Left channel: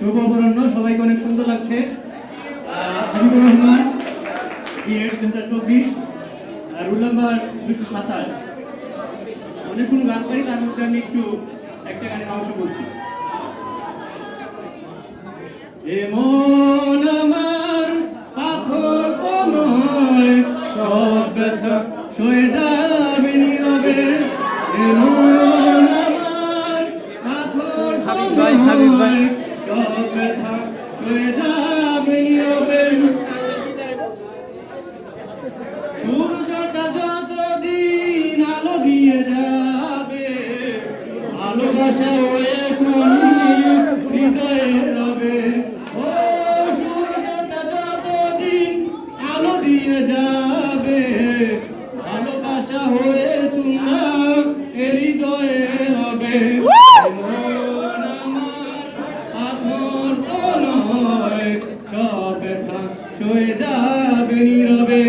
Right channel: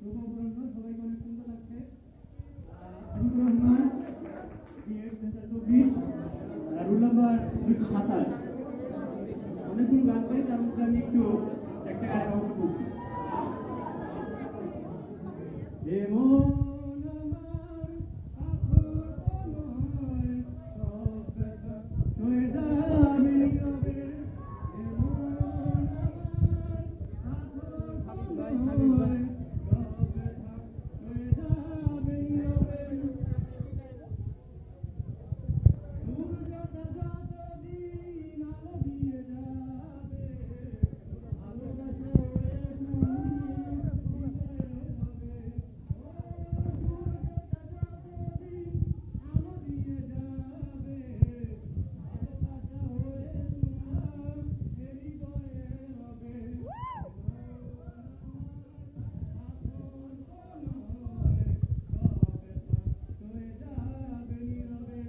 শুভ অপরাহ্ন, সবাইকে অনেক সুন্দর লাগছে। Habibur Rahman B Ed 2024, roll number 227। অনেকগুলো গান পাই, তার মধ্যে আমি একটু একটা গানের অংশ বলছি। এমন আমার পাথর তো নয়, সব ব্যথা সয়ে যাবে নীরবে। এমন আমার পাথর তো নয়, সব ব্যথা সয়ে যাবে নীরবে। সূর্যটা যতদিন আলো দিয়ে যাবে, ভালোবাসা হয়ে হৃদয়ে রবে। ও সূর্যটা যতদিন আলো দিয়ে যাবে, ভালোবাসা হয়ে তোমরা হৃদয়ে রবে। মন আমার পাথর তো নয়, সব ব্যথা সয়ে যাবে নীরবে।